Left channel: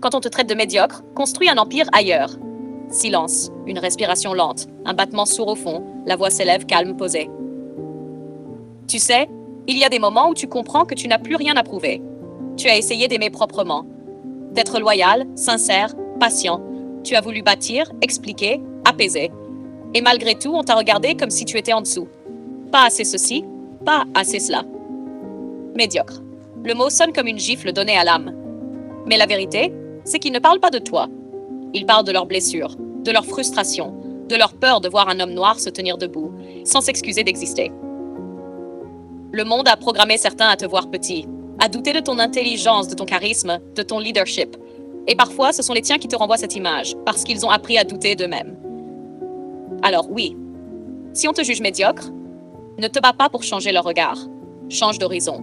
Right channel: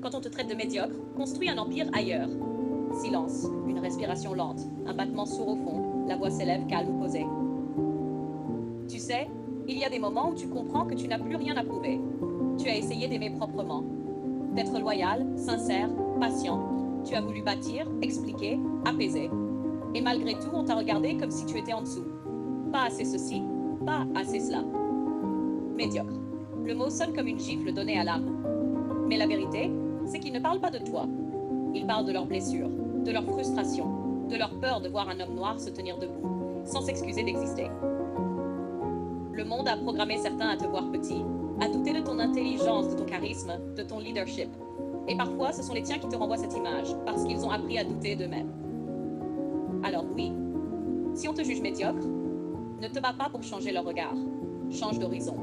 Quand on te traite de médiocre, construis un empire ailleurs. Silence, une respiration lente, un battement sourd au fond, la voix s'élève calme, posée. Tu sais, il y a des moments où tu comprends que tu n'as plus rien à prouver. Tu as essayé d'aimer proprement, d'être loyal, sincère, patient. Tu as voulu bâtir, expliquer, apaiser. Et malgré tout, on t'a regardé comme si tu étais en dessous. Pas assez ceci, pas assez cela. Médiocre. Le mot sonne comme une gifle donnée à l'âme. Mais la vérité, c'est qu'ils ne parlent pas de toi. Ils parlent de leurs blessures, de leurs frustrations, de leur peur de voir un homme noir se tenir debout, sans s'excuser d'exister. Le monde a programmé certains à te voir petit, à douter de ton intelligence, de ton charisme, de ton leadership. Et parfois, ce sont les tiens qui te renvoient cette image, parce qu'ils ont appris à douter d'eux-mêmes. Alors oui, si on te juge médiocre, ne te bats pas pour changer leur regard. Change d'horizon.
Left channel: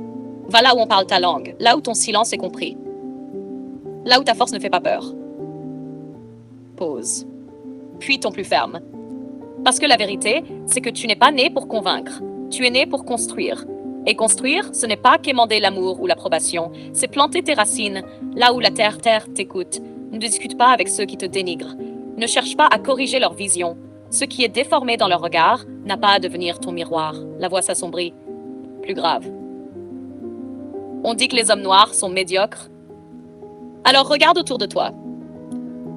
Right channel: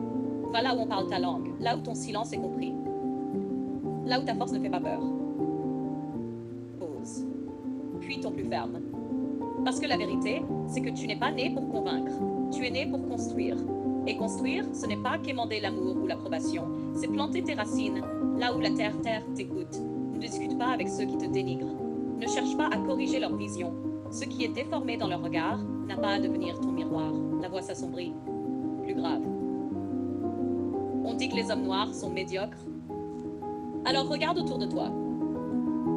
Va là où on parle ta langue, là où ton silence est compris. Là où ta force ne fait pas peur. Pause. Puis ton plus ferme. Parce que la vérité, c'est que tu n'es pas né pour convaincre. Tu es né pour construire. Et construire, ce n'est pas quémander l'amour ou l'approbation. C'est planter tes racines là où la terre t'écoute. Ne discute pas avec ceux qui te dénigrent. Ne cherche pas à corriger leur vision. Ce qui est déformé dans leur regard n'a pas à devenir ton miroir. La voix s'assombrit. Plus grave. On dit que les hommes noirs sont médiocres. Alors regarde autour de toi.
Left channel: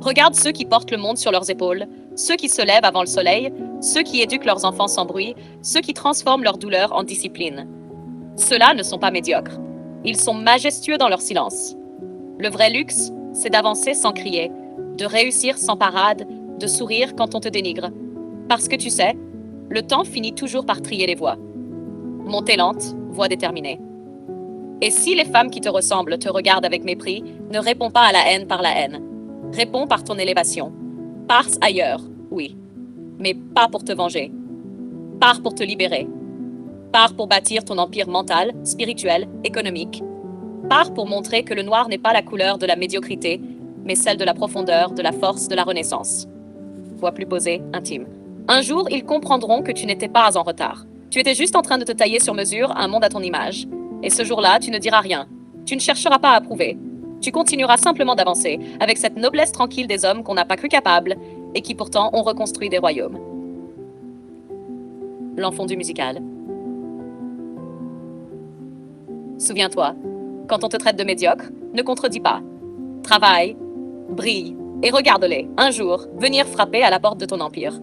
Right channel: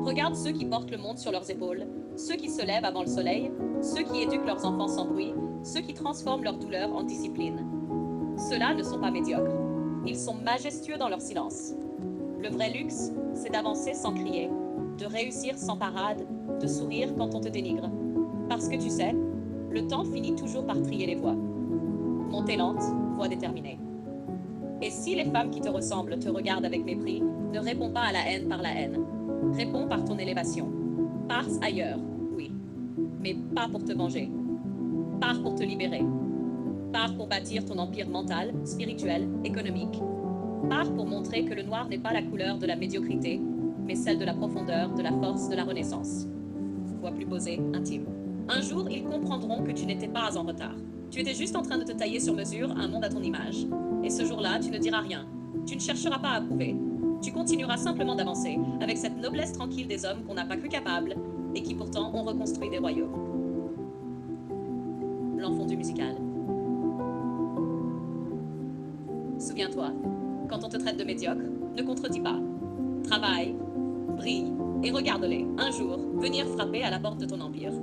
Regarde ceux qui portent le monde sur leurs épaules, ceux qui se lèvent avant le soleil, ceux qui éduquent leurs enfants sans bruit, ceux qui transforment leur douleur en discipline. Ceux-là ne sont pas médiocres. Ils sont majestueux dans leur silence. Le vrai luxe, c'est d'avancer sans crier, de réussir sans parade, de sourire quand on te dénigre. Parce que tu sais, le temps finit toujours par trier les voix. Montée lente, voix déterminée. Et si les femmes qui te ressemblent te regardent avec mépris, ne réponds pas à la haine par la haine. Réponds par ton élévation. Pars ailleurs, oui, mais pas pour te venger. Pars pour te libérer. Pars pour bâtir ton empire mental, spirituel, économique. Pars pour montrer que le noir n'est pas la couleur de la médiocrité, mais celle de la profondeur, de la force, de la renaissance. Voix plus posée, intime. Un jour, ils comprendront que tu n'étais pas en retard. Tu étais juste en train de te tailler sur mesure un monde à ton image. Et ce jour-là, tu ne diras rien. Tu ne chercheras pas à prouver. Tu continueras simplement d'avancer, avec cette noblesse tranquille des hommes qu'on n'a pas cru capables, et qui pourtant ont reconstruit des royaumes. L'enfondu musical. Souviens-toi, quand on te traite de médiocre, ne contredis pas. Travaille, brille, et regarde-les, un jour, venir frapper à la porte de ton empire.